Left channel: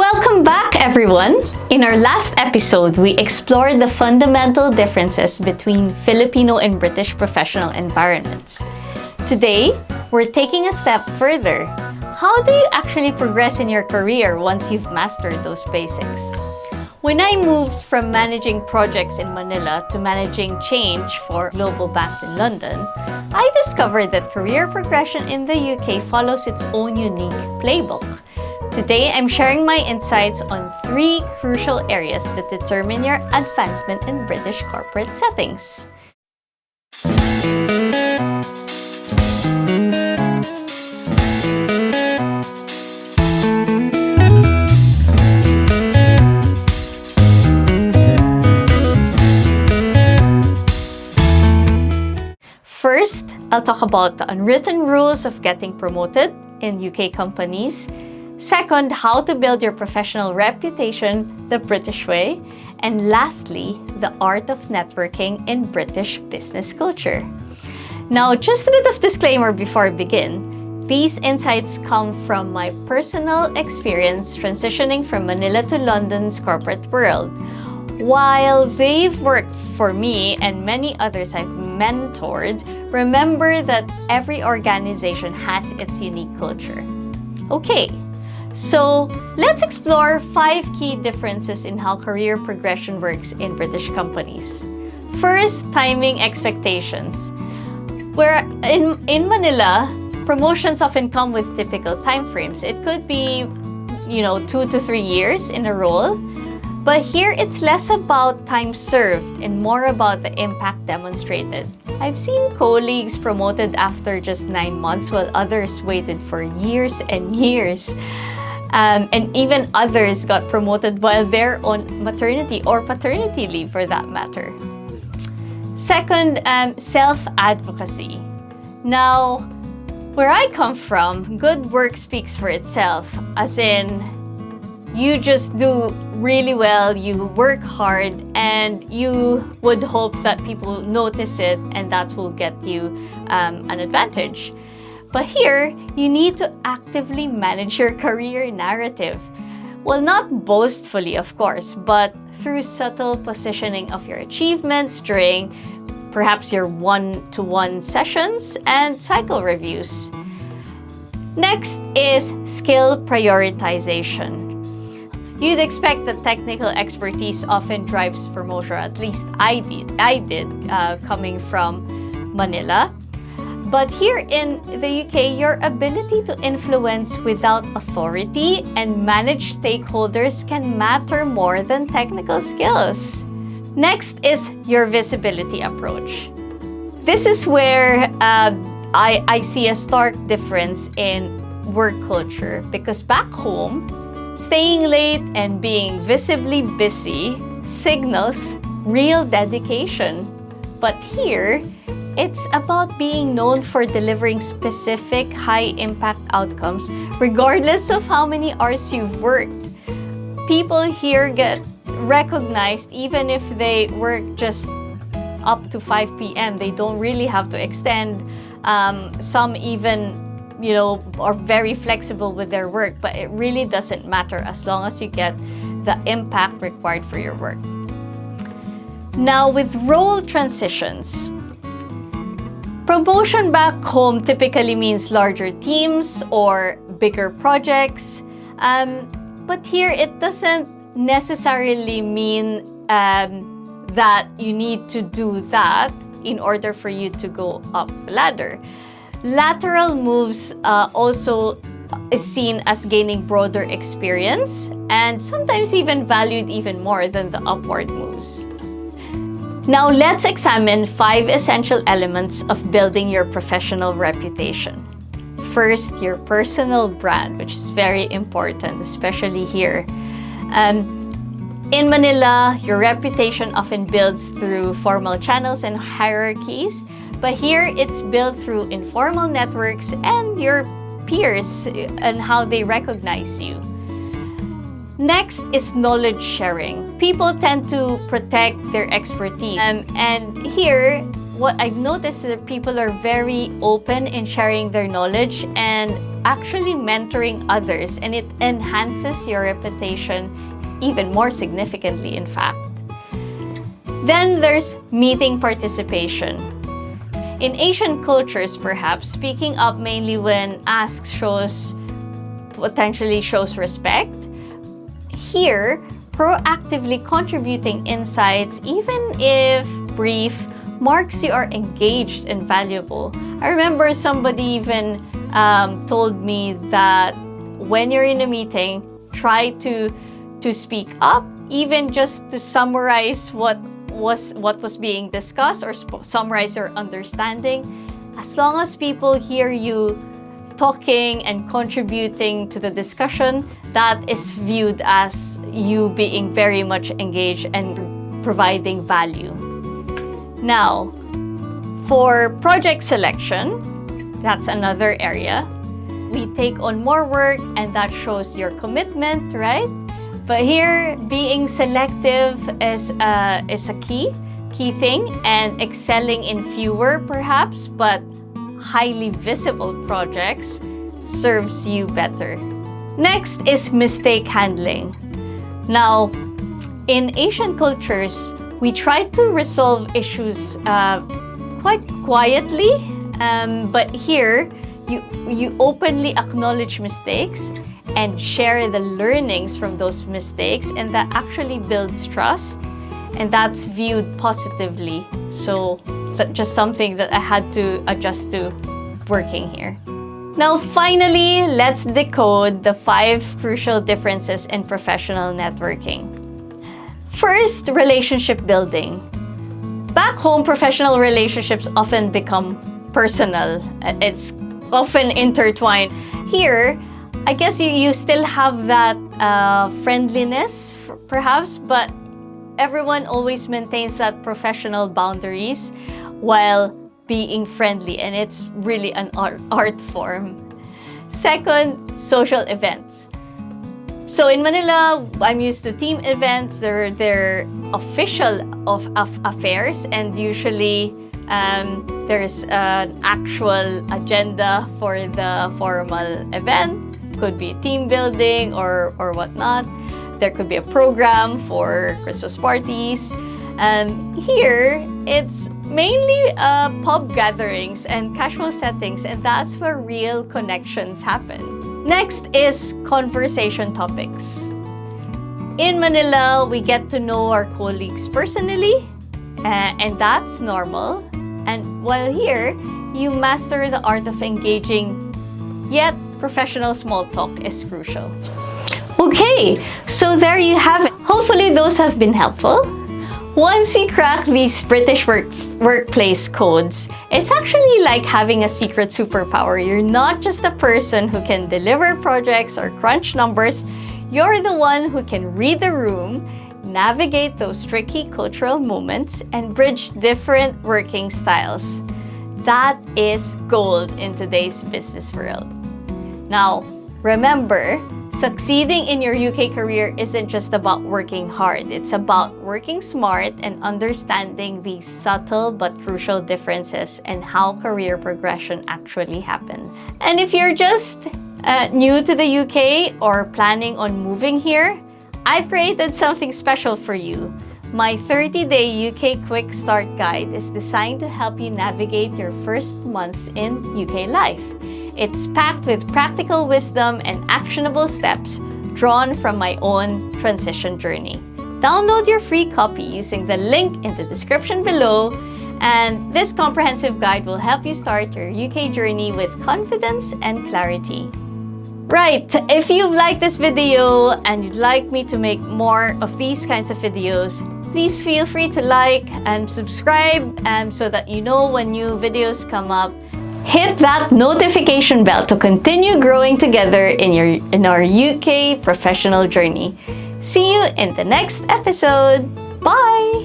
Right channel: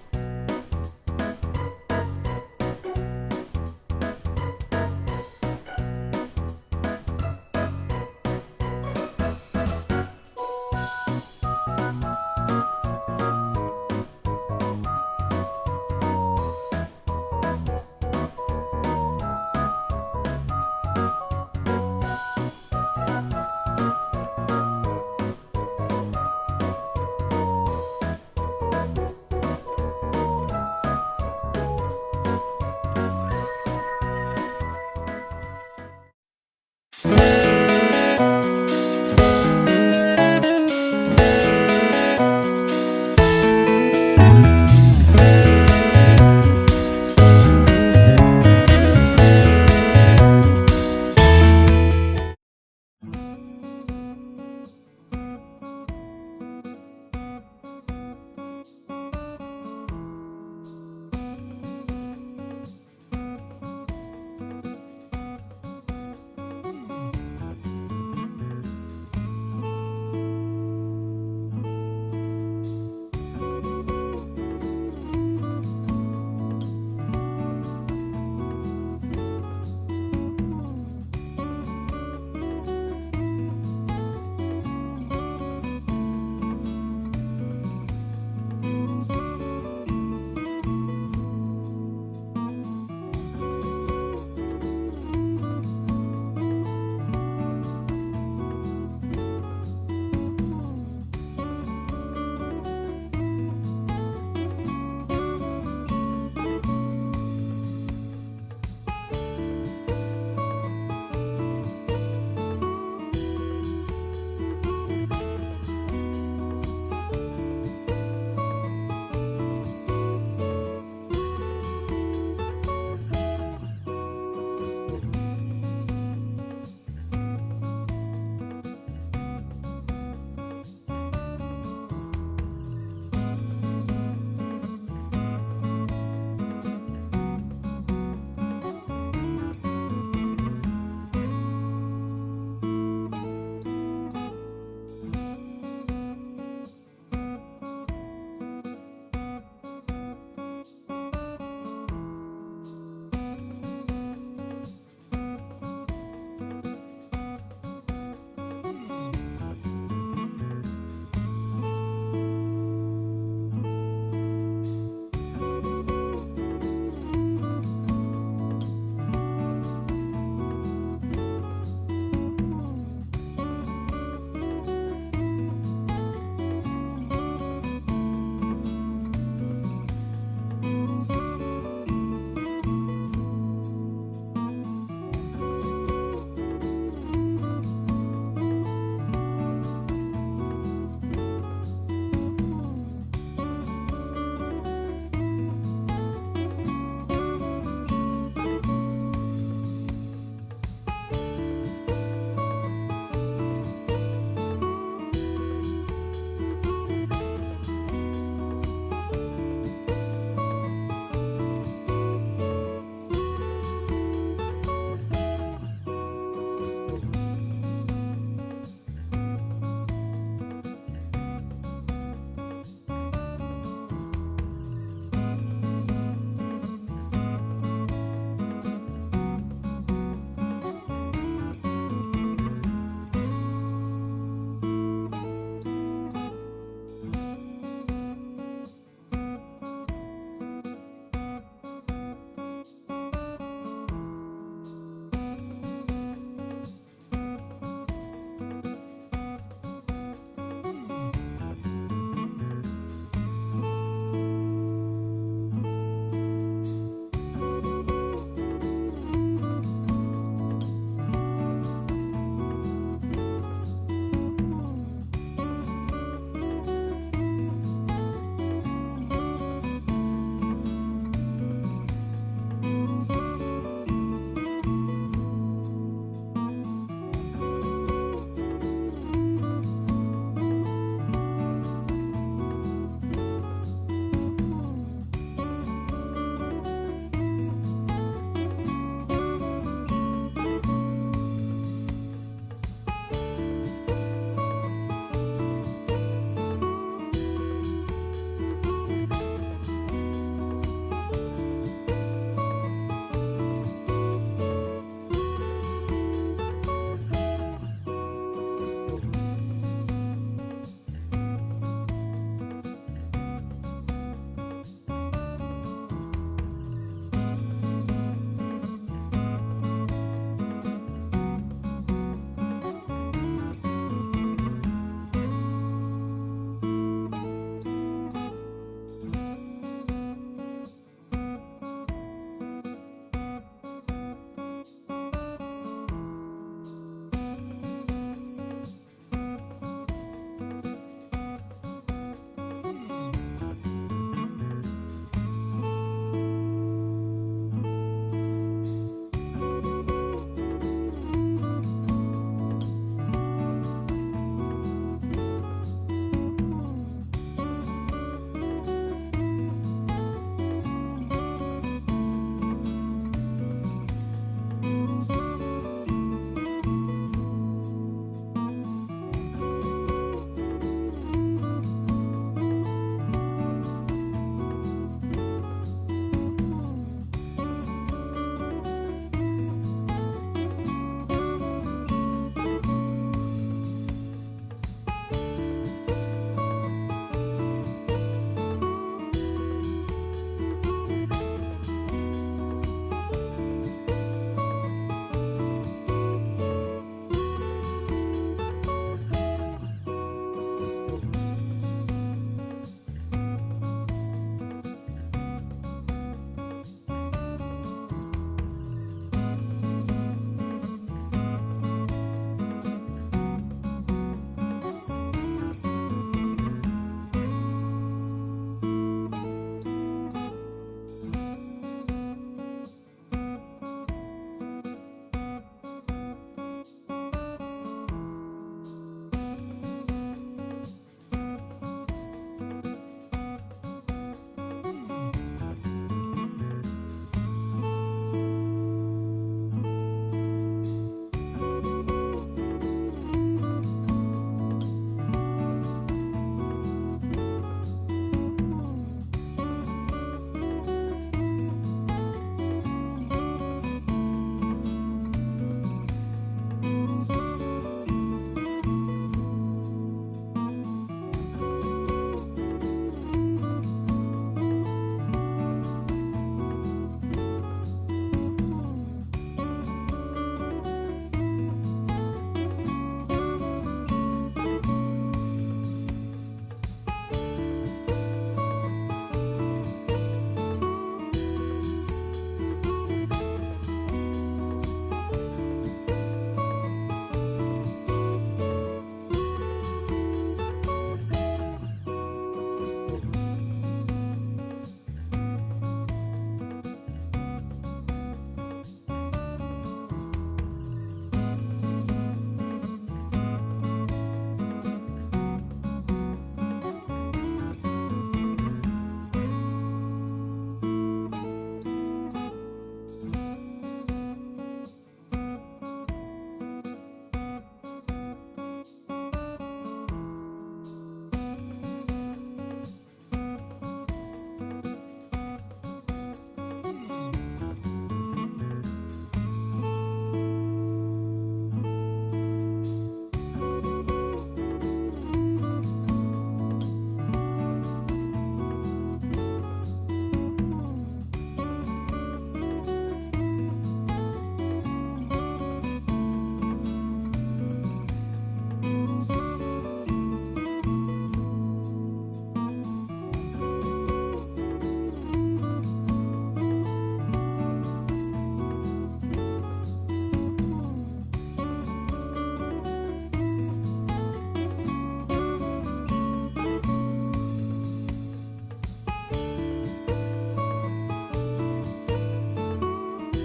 Welcome back, everyone! In our last episode, we explored the fundamental differences between Filipino and British professional environments. Today, we're taking a step further. How do you actually progress in your career once you've mastered those basics? When I moved from managing projects in Manila to managing change for global banks in London, I discovered that career progression in the UK follows its own unique playbook. Today, I'm sharing my insights on 3 crucial areas that determine your advancement in British corporate settings. First, I'll talk about the unwritten rules of getting promoted in UK companies. Second, how to build your professional reputation the British way. And lastly, the art of networking in British business culture. Now, just a bit of disclaimer before I begin. These insights come from my personal experience transitioning from Manila to London's corporate world. While they've worked for me and many others I've mentored, remember that every organization has its unique culture. Okay. So, let's explore 5 key differences in how career progression works in British companies. First, timing expectations. Where in Manila, promotions often come with typical timeframes. It could be, 2 to 3 years in a role. But here, it's less about time served and more about the impact demonstrated. I've seen colleagues promoted after just 9 months while others waited for years and years. And even others got promoted while they're on maternity or paternity leave for that matter. Second, self-advocacy. Now, where I come from, good work speaks for itself, as in you just do really well, you work hard, and you would hope that people notice it and that will get you an advantage. But here, you need to actively manage your career narrative. Well, not boastfully, of course, but through subtle positioning of your achievements during perhaps your one-to-one sessions and cycle reviews. Next is skill prioritization. You'd expect that technical expertise often drives promotion, at least I did coming from Manila. But here in the UK, your ability to influence without authority and manage stakeholders can matter more than technical skills. Next is your visibility approach. This is where I see a stark difference in work culture, because back home, staying late and being visibly busy signals real dedication. But here, it's about being known for delivering specific high-impact outcomes regardless of how many hours you've worked. People here get recognized even if they work just up to 5 p.m. They don't really have to extend. Some even, are very flexible with their work, but it really doesn't matter as long as you get the impact required for your work. Now, with role transitions, promotion back home typically means larger teams or bigger projects, but here it doesn't necessarily mean that you need to do that in order for you to go up the ladder. Lateral moves also is seen as gaining broader experience and sometimes even valued even more than the upward moves. Now, let's examine 5 essential elements of building your professional reputation. First, your personal brand, which is very important, especially here. In Manila, your reputation often builds through formal channels and hierarchies, but here it's built through informal networks and your peers and how they recognize you. Next is knowledge sharing. People tend to protect their expertise. And here, what I've noticed is that people are very open in sharing their knowledge and actually mentoring others, and it enhances your reputation even more significantly, in fact. Then there's meeting participation. In Asian cultures, perhaps, speaking up mainly when asked potentially shows respect. Here, proactively contributing insights, even if brief, marks you are engaged and valuable. I remember somebody even told me that when you're in a meeting, try to speak up, even just to summarize what was being discussed or summarize your understanding. As long as people hear you talking and contributing to the discussion, that is viewed as you being very much engaged and providing value. Now, for project selection, that's another area. We take on more work and that shows your commitment, right? But here, being selective is a key thing, and excelling in fewer perhaps, but highly visible projects serves you better. Next is mistake handling. Now, in Asian cultures, we try to resolve issues quite quietly, but here, you openly acknowledge mistakes and share the learnings from those mistakes, and that actually builds trust, and that's viewed positively. So that's just something that I had to adjust to working here. Now finally, let's decode the 5 crucial differences in professional networking. First, relationship building. Back home, professional relationships often become personal. It's often intertwined. Here, I guess you still have that friendliness, perhaps, but everyone always maintains that professional boundaries while being friendly, and it's really an art form. Second, social events. So in Manila, I'm used to team events. They're official of affairs, and usually there's an actual agenda for the formal event. Could be team building or whatnot. There could be a program for Christmas parties. Here, it's mainly pub gatherings and casual settings, and that's where real connections happen. Next is conversation topics. In Manila, we get to know our colleagues personally, and that's normal. And while here, you master the art of engaging, yet professional small talk is crucial. Okay, so there you have it. Hopefully those have been helpful. Once you crack these British workplace codes, it's actually like having a secret superpower. You're not just a person who can deliver projects or crunch numbers. You're the one who can read the room, navigate those tricky cultural moments, and bridge different working styles. That is gold in today's business world. Now, remember, succeeding in your UK career isn't just about working hard. It's about working smart and understanding these subtle but crucial differences and how career progression actually happens. And if you're just new to the UK or planning on moving here, I've created something special for you. My 30-day UK Quick Start Guide is designed to help you navigate your first months in UK life. It's packed with practical wisdom and actionable steps drawn from my own transition journey. Download your free copy using the link in the description below, and this comprehensive guide will help you start your UK journey with confidence and clarity. Right, if you've liked this video and you'd like me to make more of these kinds of videos, please feel free to like and subscribe so that you know when new videos come up. Hit that notification bell to continue growing together in our UK professional journey. See you in the next episode. Bye!